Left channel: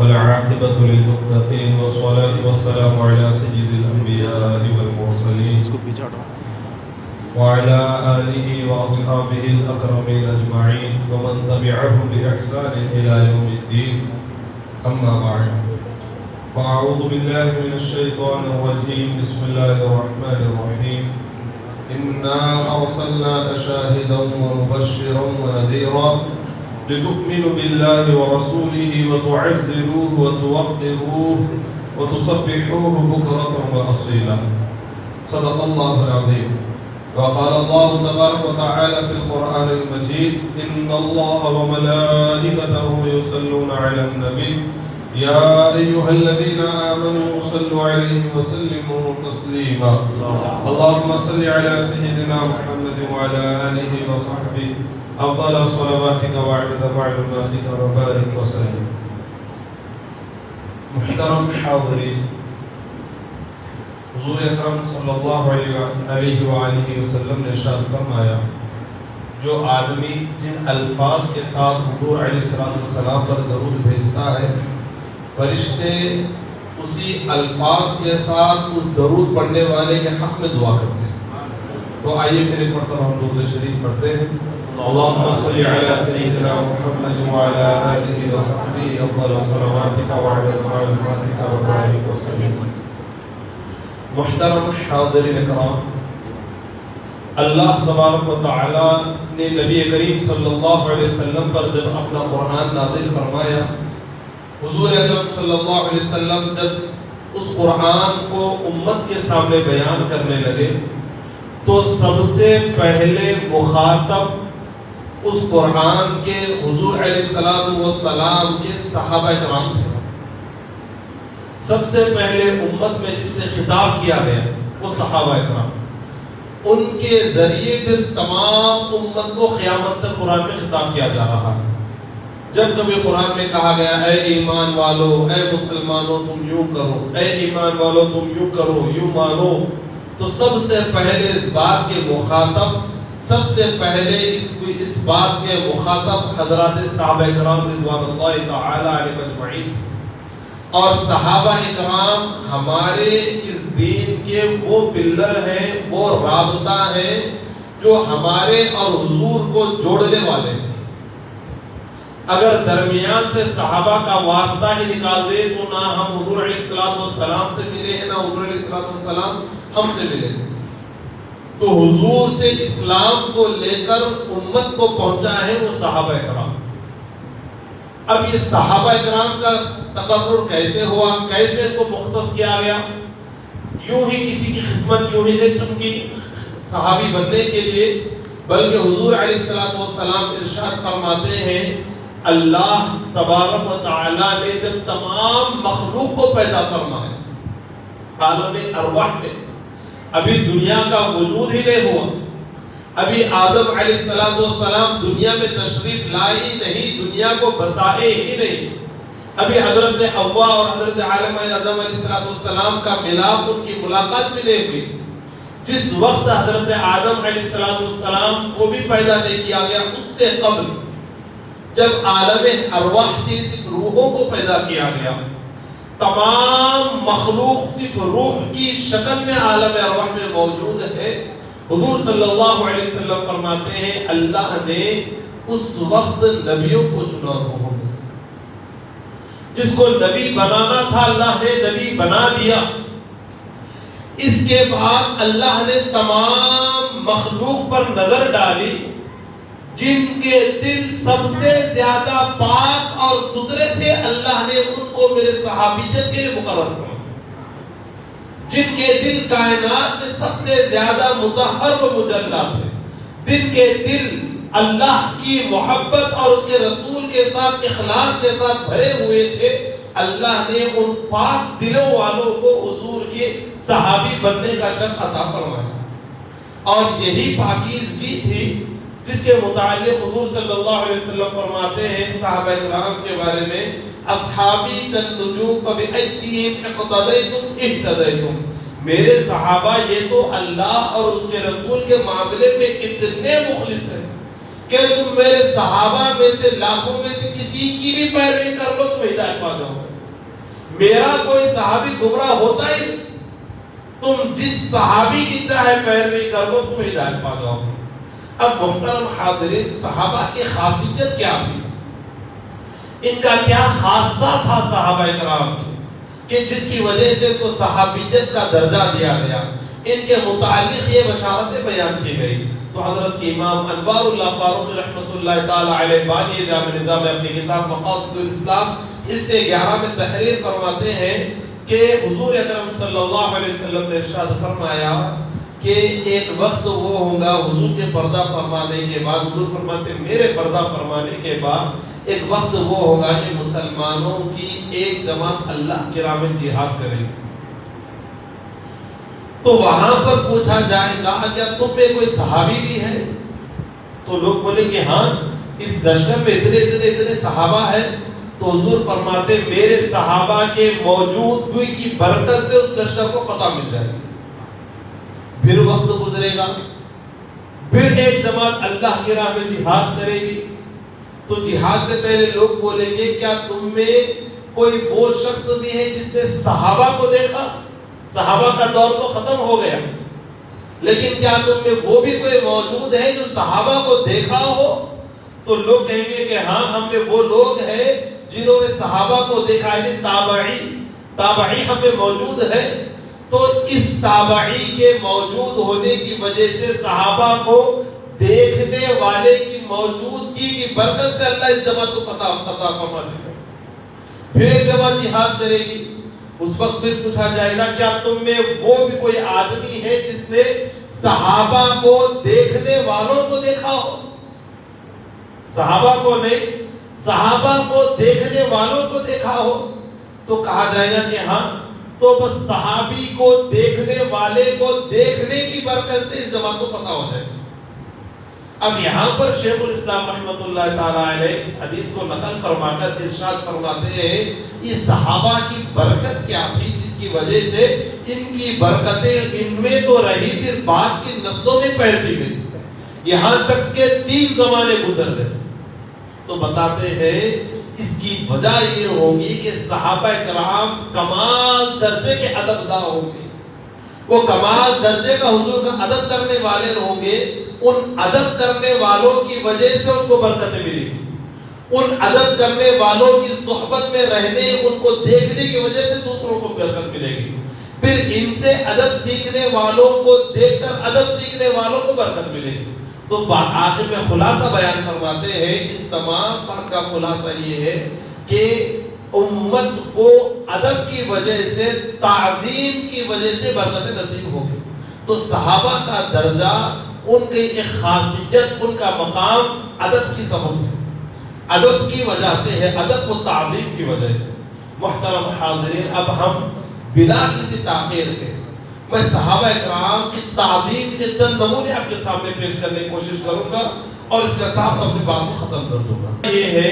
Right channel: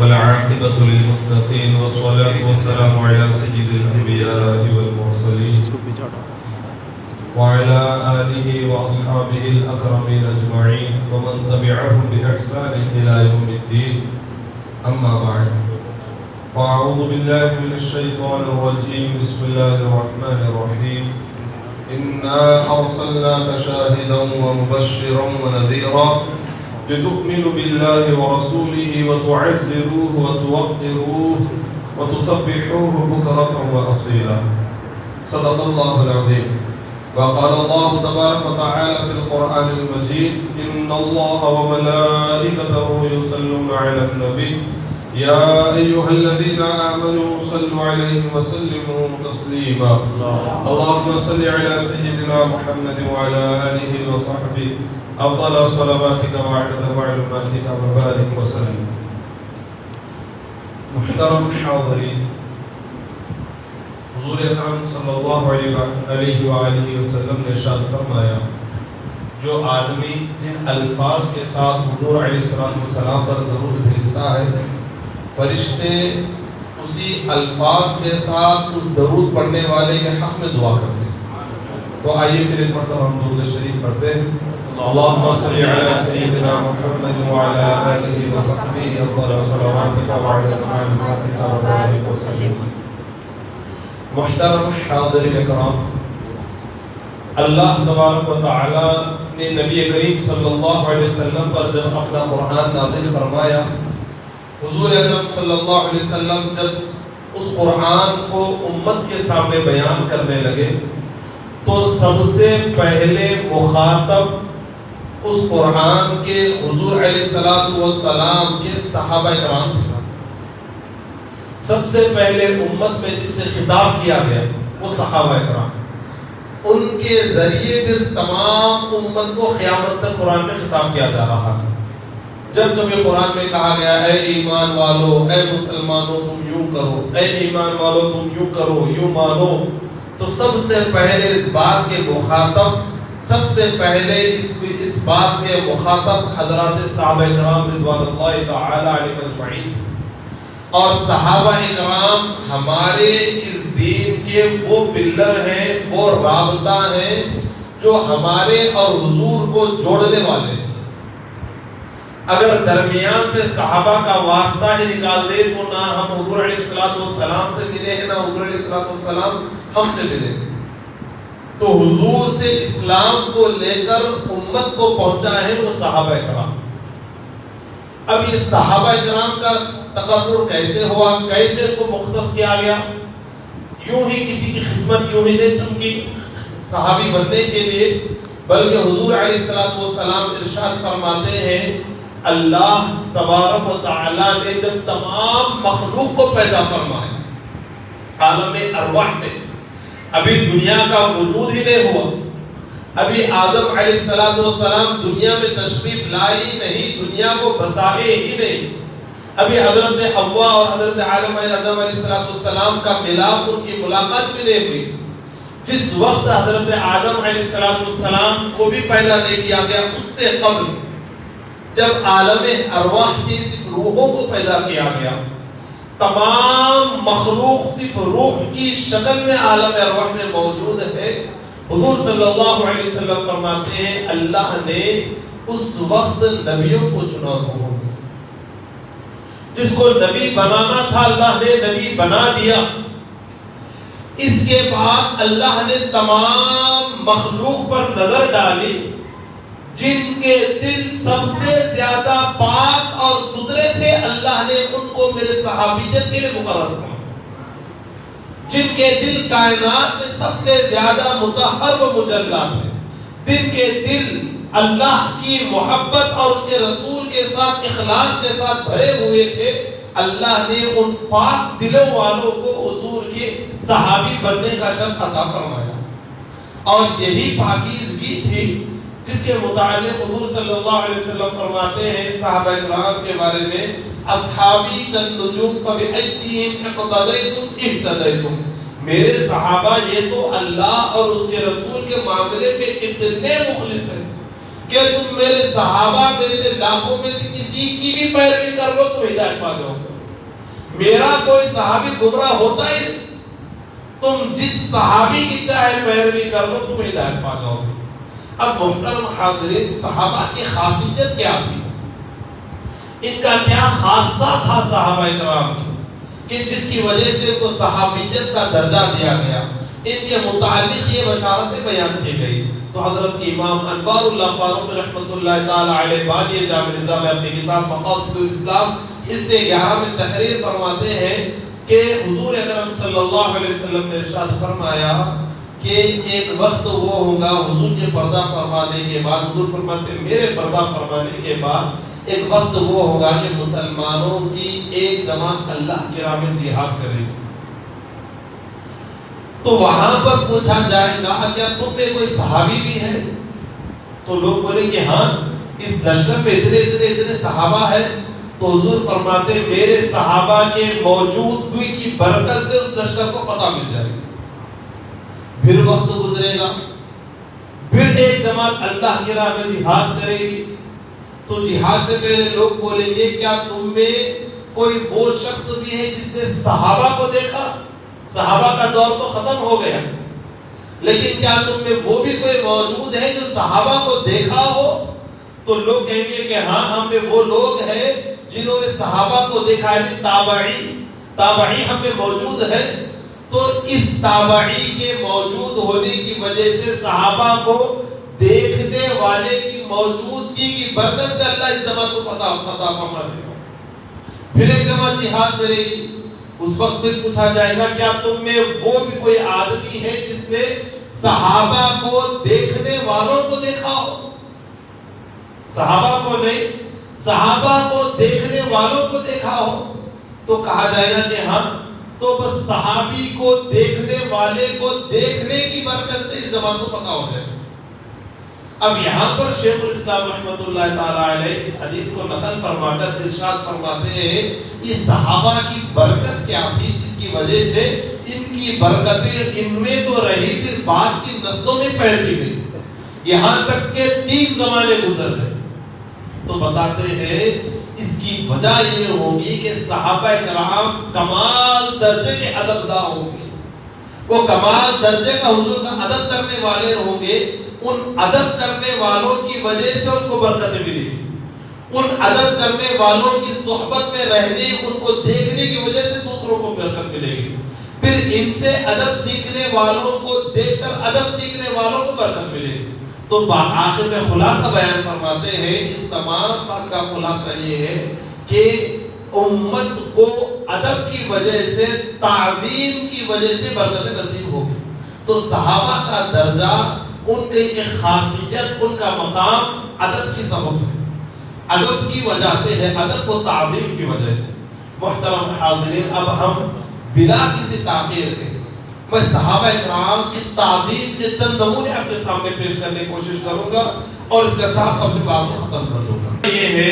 والعاقبة للمتقين والصلاة والسلام على سيد الأنبياء والمرسلين وعلى آله وأصحابه الأكرمين أجمعين ومن تبعهم بإحسان إلى يوم الدين. أما بعد، فأعوذ بالله من الشيطان الرجيم. بسم الله الرحمن الرحيم. إنا أرسلناك شاهدا ومبشرا ونذيرا لتؤمنوا بالله ورسوله وتعزروه وتوقروه وتسبحوه بكرة وأصيلا. صدق الله العظيم. وقال الله تبارك وتعالى في القرآن المجيد: إن الله وملائكته يصلون على النبي يا أيها الذين آمنوا صلوا عليه وسلموا تسليما. اللهم صل على سيدنا محمد وعلى آله وصحبه أفضل صلواتك وعدد معلوماتك وبارك وسلم. محترم حاضرین، حضور اکرم صلی اللہ علیہ وآلہ وسلم نے ارشاد فرمایا: جو آدمی جن الفاظ کے ساتھ حضور علیہ السلام پر درود بھیجتا ہے، فرشتے اسی الفاظ کے ساتھ اس درود پڑھنے والے کے حق میں دعا کرتے ہیں. تو آئیے پھر ایک مرتبہ ہم درود شریف پڑھتے ہیں. اللهم صل على سيدنا محمد وعلى آله وصحبه أفضل صلواتك وعدد معلوماتك وبارك وسلم. محترم حاضرین کرام، اللہ تبارک و تعالی نے نبی کریم صلی اللہ علیہ وسلم پر جب اپنا قرآن نازل فرمایا، حضور اکرم صلی اللہ علیہ وسلم جب اس قرآن کو امت کے سامنے بیان کرنے لگے تو سب سے پہلے مخاطب اس قرآن کے حضور علیہ السلام کے صحابہ کرام تھے. سب سے پہلے امت میں جس سے خطاب کیا گیا وہ صحابہ کرام. ان کے ذریعے پھر تمام امت کو قیامت تک قرآن میں خطاب کیا جا رہا ہے. جب کبھی قرآن میں کہا گیا اے ایمان والو، اے مسلمانوں تم یوں کرو، اے ایمان والو تم یوں کرو، یوں مانو، تو سب سے پہلے اس بات کے مخاطب، سب سے پہلے اس بات کے مخاطب حضرات صحابہ کرام رضوان اللہ تعالی علیہم اجمعین. اور صحابہ کرام ہمارے اس دین کے وہ پلر ہیں، وہ رابطہ ہیں جو ہمارے اور حضور کو جوڑنے والے ہیں. اگر درمیان سے صحابہ کا واسطہ ہی نکال دے تو نہ ہم حضور علیہ السلام سے ملے ہیں، نہ حضور علیہ السلام ہم سے ملے. تو حضور سے اسلام کو لے کر امت کو پہنچا ہے وہ صحابہ کرام. اب یہ صحابہ کرام کا تقرر کیسے ہوا، کیسے ان کو مختص کیا گیا؟ یوں ہی کسی کی قسمت یوں ہی نہیں چمکی صحابی بننے کے لیے، بلکہ حضور علیہ السلام ارشاد فرماتے ہیں اللہ تبارک و تعالی نے جب تمام مخلوق کو پیدا فرمایا عالم ارواح میں، ابھی دنیا کا وجود ہی نہیں ہوا، ابھی آدم علیہ السلام دنیا میں تشریف لائے ہی نہیں، دنیا کو بسائے ہی نہیں، ابھی حضرت حوا اور حضرت آدم علیہ السلام کا ملاپ، ان کی ملاقات بھی نہیں ہوئی. جس وقت حضرت آدم علیہ السلام کو بھی پیدا نہیں کیا گیا، اس سے قبل جب عالم ارواح کی صرف روحوں کو پیدا کیا گیا، تمام مخلوق صرف روح کی شکل میں عالم ارواح میں موجود ہے. حضور صلی اللہ علیہ وسلم فرماتے ہیں اللہ نے اس وقت نبیوں کو چنا روحوں میں سے. جس کو نبی بنانا تھا اللہ نے نبی بنا دیا. اس کے بعد اللہ نے تمام مخلوق پر نظر ڈالی، جن کے دل سب سے زیادہ پاک اور ستھرے تھے اللہ نے ان کو میرے صحابیت کے لیے مقرر کیا. جن کے دل کائنات میں سب سے زیادہ مطہر و مجلہ تھے، جن کے دل اللہ کی محبت اور اس کے رسول کے ساتھ اخلاص کے ساتھ بھرے ہوئے تھے، اللہ نے ان پاک دلوں والوں کو حضور کے صحابی بننے کا شرف عطا فرمایا. اور یہی پاکیزگی تھی جس کے متعلق حضور صلی اللہ علیہ وسلم فرماتے ہیں صحابہ کرام کے بارے میں اصحابی کالنجوم فبأیہم اقتدیتم اہتدیتم. میرے صحابہ یہ تو اللہ اور اس کے رسول کے معاملے میں اتنے مخلص ہیں، کہ تم میرے صحابہ میں سے لاکھوں میں سے کسی کی بھی پیروی کر لو تم ہدایت پا جاؤ گے. میرا کوئی صحابی گمراہ ہوتا ہی نہیں. تم جس صحابی کی چاہے پیروی کر لو تم ہدایت پا جاؤ گے. اب محترم حاضرین، صحابہ کی خاصیت کیا تھی؟ ان کا کیا خاصہ تھا صحابہ کرام کی کہ جس کی وجہ سے ان کو صحابیت کا درجہ دیا گیا؟ ان کے متعلق یہ بشارتیں بیان کی گئی. تو حضرت امام انوار اللہ فاروق رحمۃ اللہ تعالی علیہ بانی جامع نظام میں اپنی کتاب مقاصد الاسلام حصے 11 میں تحریر فرماتے ہیں کہ حضور اکرم صلی اللہ علیہ وسلم نے ارشاد فرمایا کہ ایک وقت وہ ہوگا حضور کے پردہ فرمانے کے بعد، حضور فرماتے ہیں میرے پردہ فرمانے کے بعد ایک وقت وہ ہوگا کہ مسلمانوں کی ایک جماعت اللہ کی راہ میں جہاد کرے گی. تو وہاں پر پوچھا جائے گا کیا تم میں کوئی صحابی بھی ہے؟ تو لوگ بولیں کہ ہاں اس لشکر میں اتنے صحابہ ہیں. تو حضور فرماتے میرے صحابہ کے موجود ہوئی کی برکت سے اس لشکر کو فتح مل جائے گی. پھر وقت گزرے گا، پھر ایک جماعت اللہ کی راہ میں جہاد کرے گی. تو جہاد سے پہلے لوگ بولیں گے کیا تم میں کوئی وہ شخص بھی ہے جس نے صحابہ کو دیکھا؟ صحابہ کا دور تو ختم ہو گیا، لیکن کیا تم میں وہ بھی کوئی موجود ہے جو صحابہ کو دیکھا ہو؟ تو لوگ کہیں گے کہ ہاں ہم میں وہ لوگ ہیں جنہوں نے صحابہ کو دیکھا ہے. تابعی ہم میں موجود ہے. تو اس تابعی کے موجود ہونے کی وجہ سے صحابہ کو دیکھنے والے کی موجودگی کی برکت سے اللہ اس جماعت کو فتح فرما دے گا. پھر ایک جماعت جہاد کرے گی. اس وقت پھر پوچھا جائے گا کیا تم میں وہ بھی کوئی آدمی ہے جس نے صحابہ کو دیکھنے والوں کو دیکھا ہو؟ صحابہ کو نہیں، صحابہ کو دیکھنے والوں کو دیکھا ہو. تو کہا جائے گا کہ ہاں، تو بس صحابی کو دیکھنے والے کو دیکھنے کی برکت سے اس جماعت کو فتح ہو جائے. اب یہاں پر شیخ الاسلام رحمۃ اللہ تعالی علیہ اس حدیث کو نقل فرما کر ارشاد فرماتے ہیں یہ صحابہ کی برکت کیا تھی جس کی وجہ سے ان کی برکتیں ان میں تو رہی، پھر بعد کی نسلوں میں پھیلتی گئی، یہاں تک کہ 3 زمانے گزر گئے. تو بتاتے ہیں اس کی وجہ یہ ہوگی کہ صحابہ کرام کمال درجے کے ادبدار ہوں گے. وہ کمال درجے کا حضور کا ادب کرنے والے ہوں گے. ان ادب کرنے والوں کی وجہ سے ان کو برکتیں ملے گی. ان ادب کرنے والوں کی صحبت میں رہنے، ان کو دیکھنے کی وجہ سے دوسروں کو برکت ملے گی. پھر ان سے ادب سیکھنے والوں کو دیکھ کر ادب سیکھنے والوں کو برکت ملے گی. تو آخر میں خلاصہ بیان فرماتے ہیں ان تمام بات کا خلاصہ یہ ہے کہ امت کو ادب کی وجہ سے، تعظیم کی وجہ سے برکت نصیب ہوگی. تو صحابہ کا درجہ، ان کی ایک خاصیت، ان کا مقام ادب کی سبب ہے، ادب کی وجہ سے ہے، ادب و تعظیم کی وجہ سے. محترم حاضرین، اب ہم بلا کسی تاخیر کے میں صحابہ کرام کی تعظیم کے چند نمونے اپنے سامنے پیش کرنے کی کوشش کروں گا اور اس کے ساتھ اپنی بات کو ختم کر دوں گا. یہ ہے